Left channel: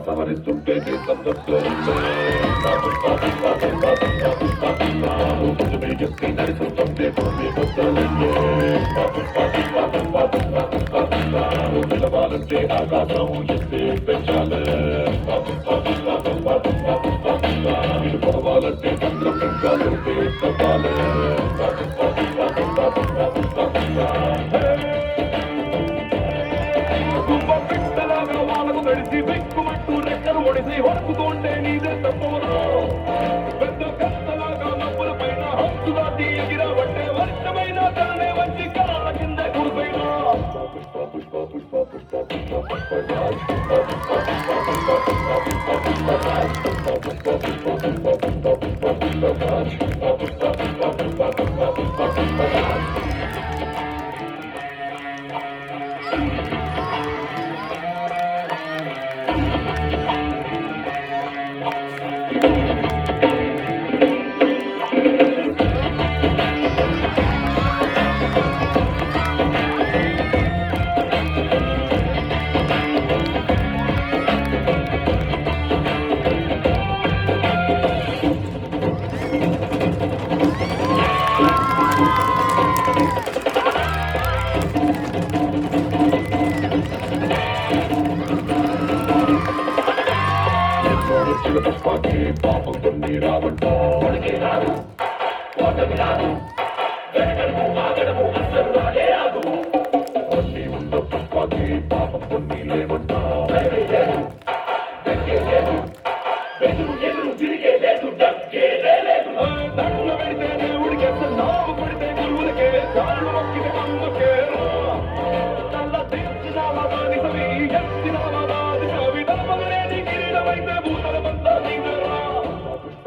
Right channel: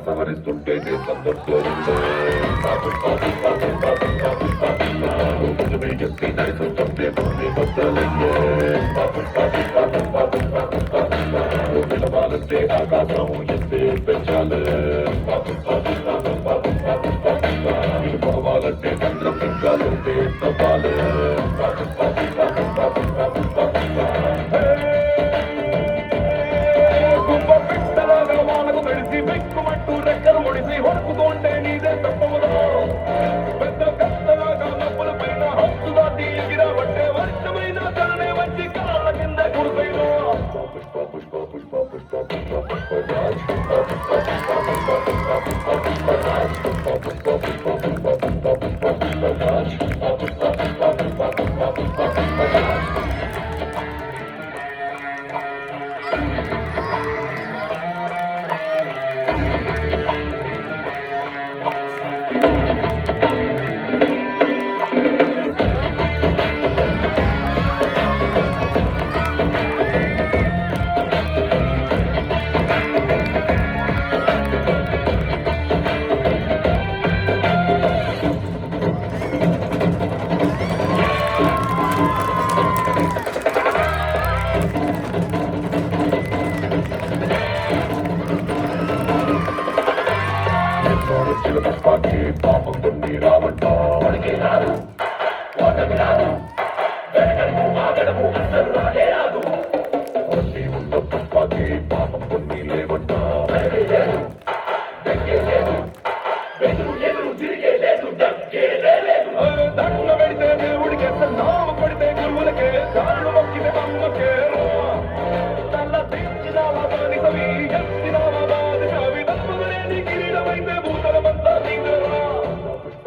సవరిస్తుంటేనే సందర్భంలో ఎత్తి నడుస్తుంటే భూమి మొదలయ్యే నిలవాలంటే ఆకాశం ఎత్తే పెంచాలి నిలుపవాలంటే చంద్రం ఇంకా లోపే కపాలి వెక్కుమంటూ రెక్కలు ఒడిసి హొడుకుతోండే నీదే తప్పుదా పెద్ద కష్టలాగా నప్పుల పైన హక్కు దాటి ఎగిరబట్టే వర్షమైన తననే వచ్చి కాళ్ళ కింద కుడిపోయినా పాకి పాపం కొన్ని రావటం రాదు అన్ని ఉన్న పుష్పాకి పాపం కొన్ని లేవట దండ పెడితే దేవుడికి నావు పడితే గురువులకే దారులు మొక్కిన అమ్మకే తల్ల తీర్చినావా బానిసవి ఎత్తినావా బాధిసవి దమ్మలేని కిరీటమైతే భూతలమంతా నీదోరా పుష్ప